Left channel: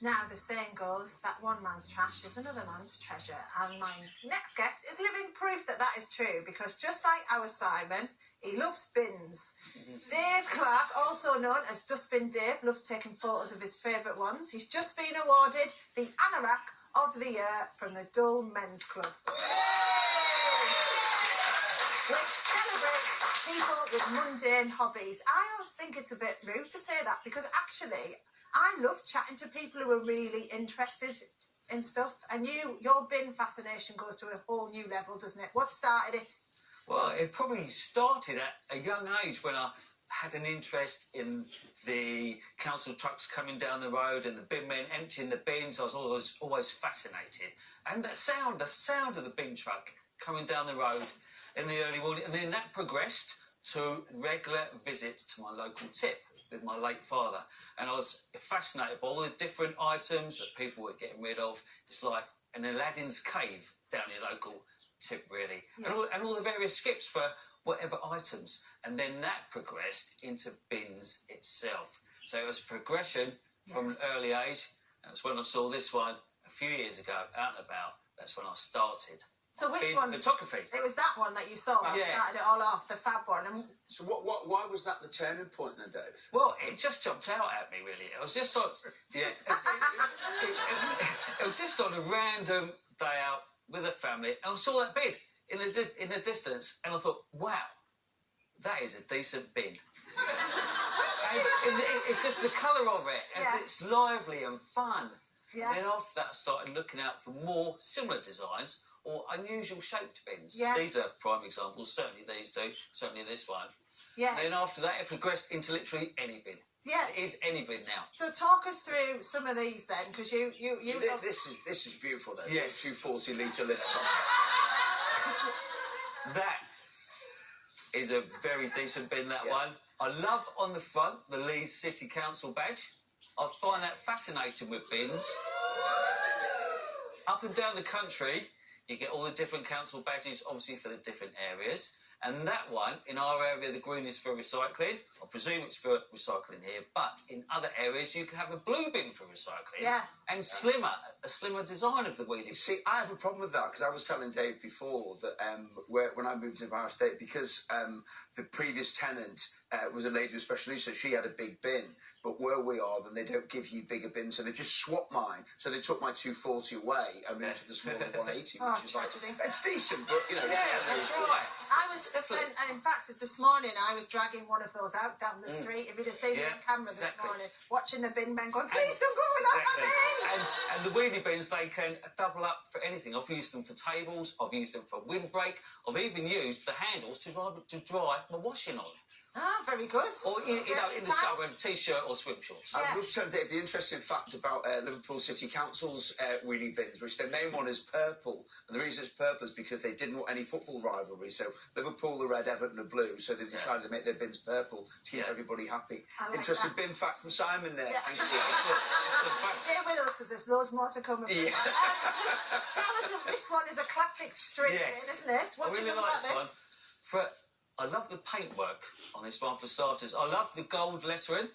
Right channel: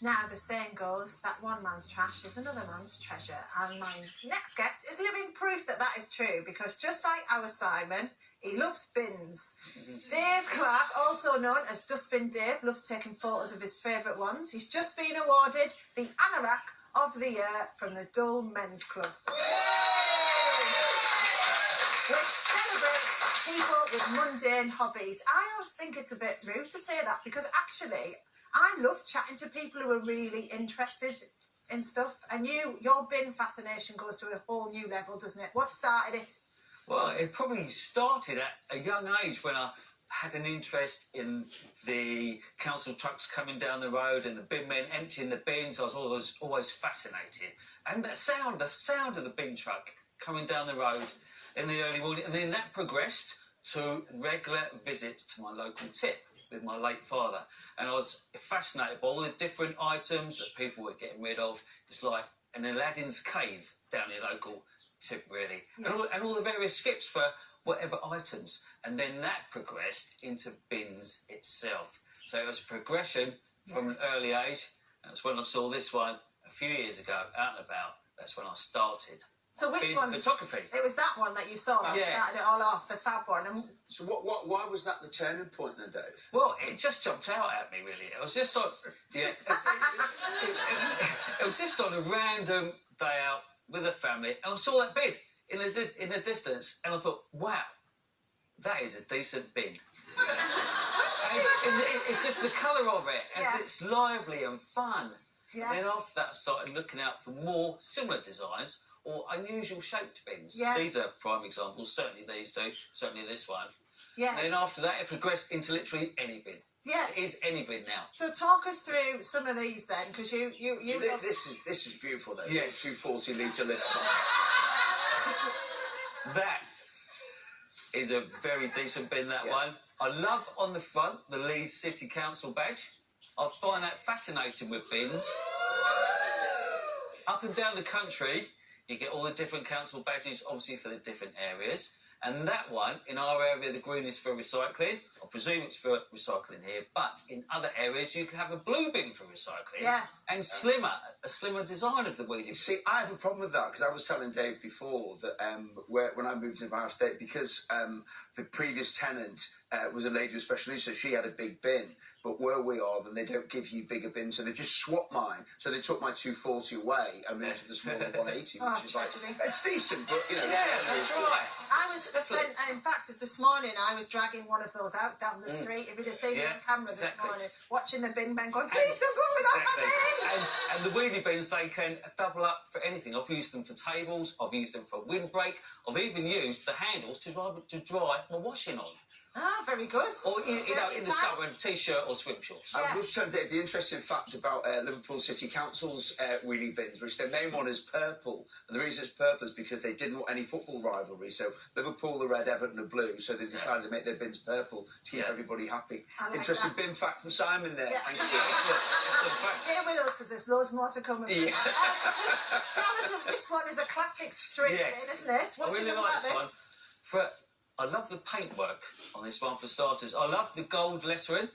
Now, the saying goes that one man's trash is another man's treasure. And my next guest is living proof that that is true, because just like our Simon, he loves bins. Dave Clark, also known as Dustbin Dave, loves taking photos of his favourite ones. He's just been awarded the Anorak of the Year from the Dull Men's Club, which celebrates people with mundane hobbies. I always think it's a bit rude to say that, because actually I love chatting to people who are really interested in stuff, and your bin fascination goes to a whole new level, doesn't it? What started it? Well, it probably started at a young age when I had an interest in the council trucks coming down the road and the bin men emptying the bins. I was always fascinated. And the sound of the bin truck coming down the road in the early morning. And then that progressed to regular visits to my local tip with my late father. And I was fascinated by all the different items that people were getting rid of. It's like an Aladdin's cave down your local tip, really. Yeah. And all the various skips for whatever items. And then that progressed into bins itself. So it was progression from an early age. That's when I saw this one a few years ago, out and about. That's when I started. So which bin one? Photography. It was that one that you saw that started it all off, the fab one. And so why was that the turning point then, Dave? Well, it just jumped out at me, really. It was just on, it was just on a random day out with a family, and I saw that bin in the distance, and I thought, wow, that is a decent bin. It's just the colour of it, and it's lively and fun. Yeah. And then after that, I started looking out for more similar designs or unusual shaped bins. Yeah. These are prime examples, certainly these two, certainly this one. Yeah. And then after that, it progressed into literally any bin. Yeah. It is any bin now. So talk us through some of these then, because you This is beautiful then. Yes. 240 litre lift top. That is a very decent bin, that one. I love on the front the Leeds City Council badge. I find that fascinating with bins. Up and down the country, you get all the different council badges, obviously for the different areas. And that one, in our area, the green is for recycling. I presume it's for recycling here. But in other areas, you can have a blue bin for recycling. Yeah. And a slimmer design of the wheelie. See, I have a problem with that, because I was telling Dave before that when I moved into our estate, because the previous tenant was a lady with special needs, so she had a big bin. But where we are, then they don't give you bigger bins, so they just swapped mine. So they took my 240 away and moved to the smaller 180, which is like, it's decent, but, you know. Yeah, that's right. In fact, this morning I was dragging one of those out down the street. If you'd have seen me on camera this morning, watching the bin men going, please don't go for that bin! And the wheelie bins, they can double up for anything. I've used them for tables, I've used them for windbreak, I've even used the handles to dry my washing on. Ah, very good. Or, in the summer, T-shirt or swim shorts. I was telling Dave the interesting fact about Liverpool City Council's wheelie bins, which their main one is purple. And the reason it's purple is because they didn't want any football rivalry. So Liverpool are red, Everton are blue. So they decided to make their bins purple to keep everybody happy. Interesting bin fact from Simon there. Yeah. Thank you. Stay with us, because there's loads more to come. Yeah. Tell us that this one is a classic street bin, isn't it? What do you know about this? I love the paintwork on this one, for starters. I love the gold lettering.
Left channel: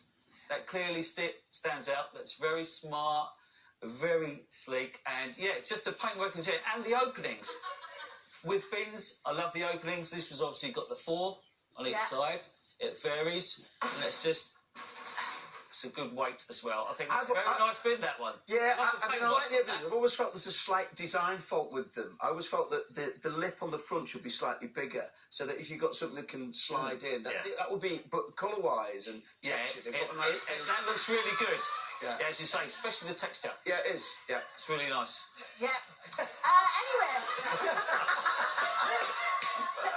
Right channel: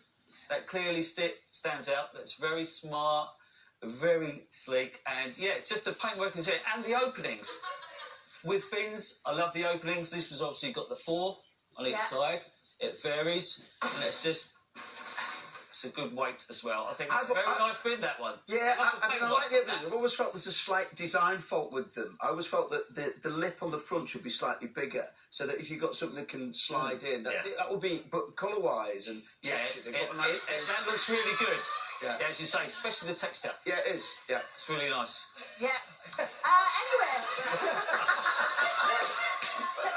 That clearly stands out. That's very smart, very sleek. And, just the paintwork and the openings. With bins, I love the openings. This was obviously got the 4 on each side. It varies. And it's a good weight as well. I think it's a very nice bin, that one. Yeah, I like the openings. I've always felt there's a slight design fault with them. I always felt that the lip on the front should be slightly bigger, so that if you've got something that can slide in, that would be, but colour-wise and texture, they've got a nice... that looks really good. Yeah, as you say, especially the texture. Yeah, it is. Yeah. It's really nice. Yeah. Anyway.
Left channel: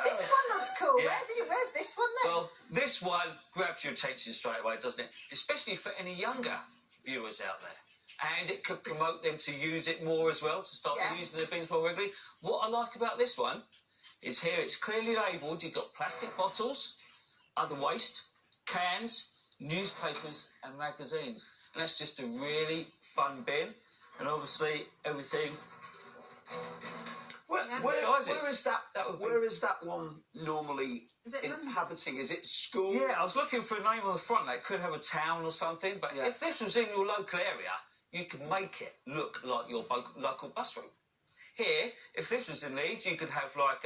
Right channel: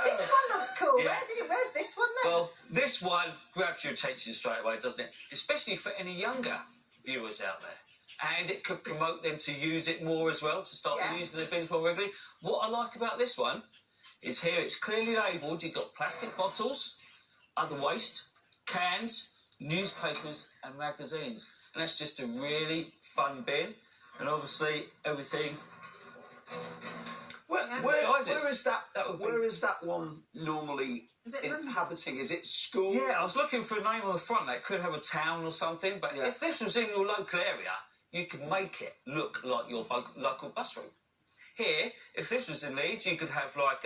This one looks cool. Yeah. Where's this one then? Well, this one grabs your attention straight away, doesn't it? Especially for any younger viewers out there. And it could promote them to use it more as well, to start using the bins more regularly. What I like about this one is here it's clearly labelled. You've got plastic bottles, other waste, cans, newspapers and magazines. And that's just a really fun bin. And obviously everything... Where is that one normally inhabiting? Is it school? Yeah, I was looking for a name on the front that could have a town or something, but if this was in your local area, you can make it look like your local bus route. Here, if this was in Leeds, you could have like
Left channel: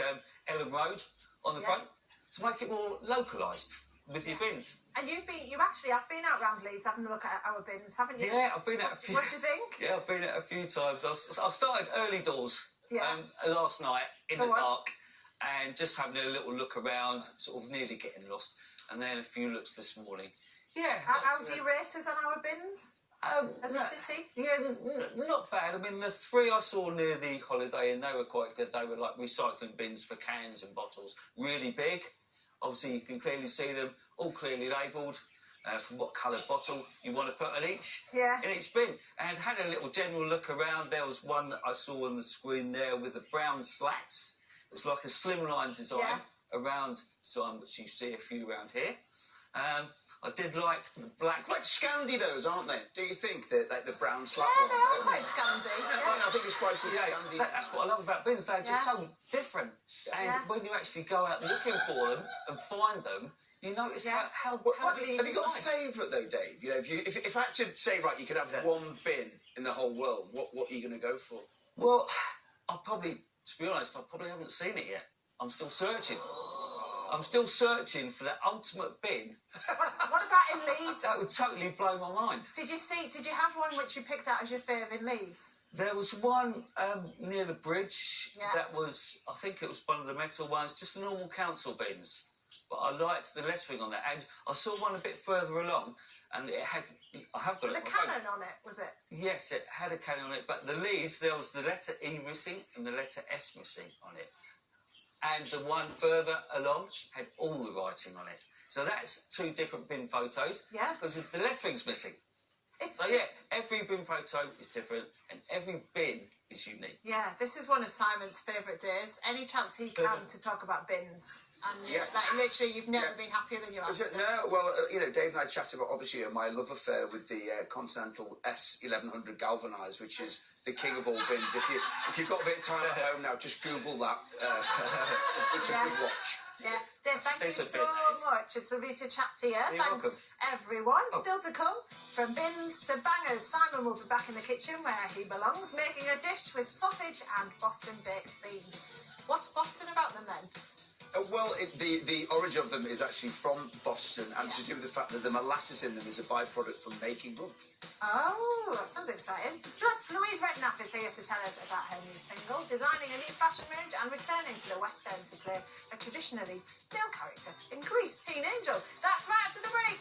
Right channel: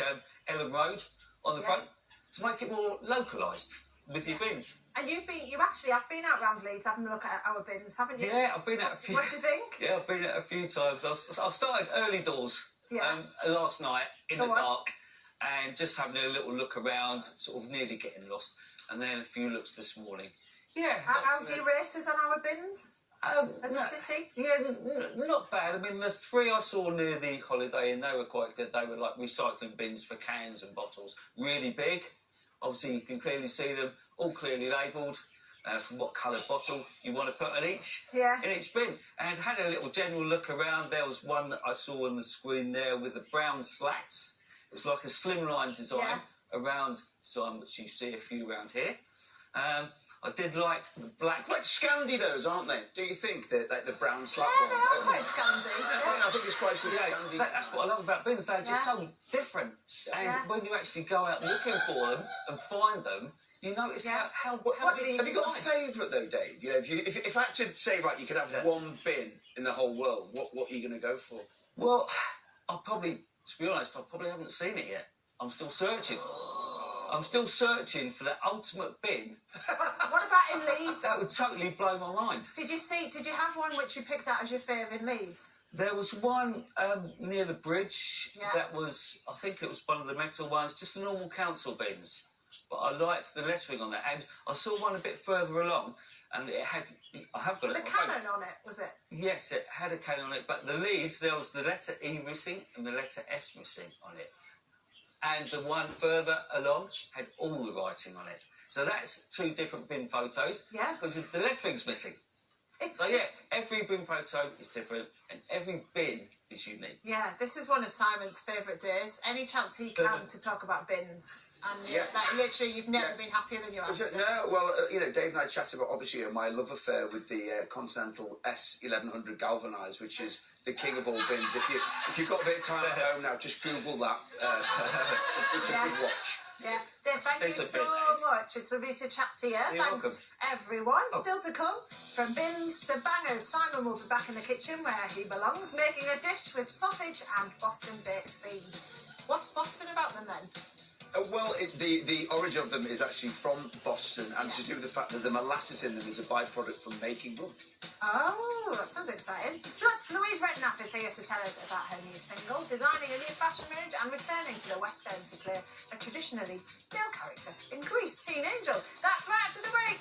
Ellen Road on the front to make it more localised with your bins. And you've actually have been out around Leeds having a look at our bins, haven't you? Yeah, I've been at a few. What do you think? Yeah, I've been at a few times. I started early doors last night in the dark and just having a little look around, sort of nearly getting lost, and then a few looks this morning. Yeah. How do you rate us on our bins? As a city? Yeah, not bad. I mean, the 3 I saw near the Holiday Inn, they were quite good. They were like recycling bins for cans and bottles, really big. Obviously, you can clearly see them, all clearly labelled, from what coloured bottle you want to put in each bin. And had a little general look around. There was one that I saw on the screen there with the brown slats. It was like a slimline design around sign, which you see a few around here. I did like the black. Quite Scandi those, aren't they? Do you think that like the brown slat Yeah, one? they are quite Scandi. I think it's quite good Scandi. That's what I love about bins. They're just so different. And when you actually go out looking for them and find them, you notice how Have you got a favourite though, Dave? You know, if I had to say, right, you could have one bin in the whole world, what are you going to go for? Well, to be honest, I probably haven't seen it yet. I'm still searching. I'm still searching for the ultimate bin. What about in Leeds? That would totally blow my mind. Did you have one which you picked out as your favourite in Leeds? There was one near the bridge. Yeah. That was, I think it was one of the metal ones, just the normal council bins. But I liked the lettering on that. And I saw one a bit further along, and it had, I have got With it. a cannon on it, was it? Yes, it had a cannon on it. But the Leeds, there was the letter E missing and the letter S missing on it. And the one further along had all the writing on it. So that's 2 different bin photos. Yeah. Because the lettering's missing. So every bin photo is different and every bin is unique. Yeah, this is one of Simon's favourite days. Any chance he can to talk about bins. And like, literally, you've never been happier than you are. No, well, Dave and I chatted about, obviously, my love affair with the Continental S1100 galvanised, which is the king of all bins. If you've got a bit of time at home now, just Google that. It's a good watch. Yeah, Dave, thank you so much. It's lovely to chat to you. You're Thanks, welcome. everyone. Still to come, from bins to bangers, Simon will be back in the kitchen where he belongs, making a dish with sausage and Boston baked beans. What's Boston about them then? Well, the origin of them is actually from Boston, and to do with the fact that the molasses in them is a byproduct from making rum. Oh, that sounds exciting. Plus, Louise Redknapp is here to tell us about her new single, designing a new fashion range and returning to the West End to play a traditionally male character in Grease, Teen Angel. That's right after the break.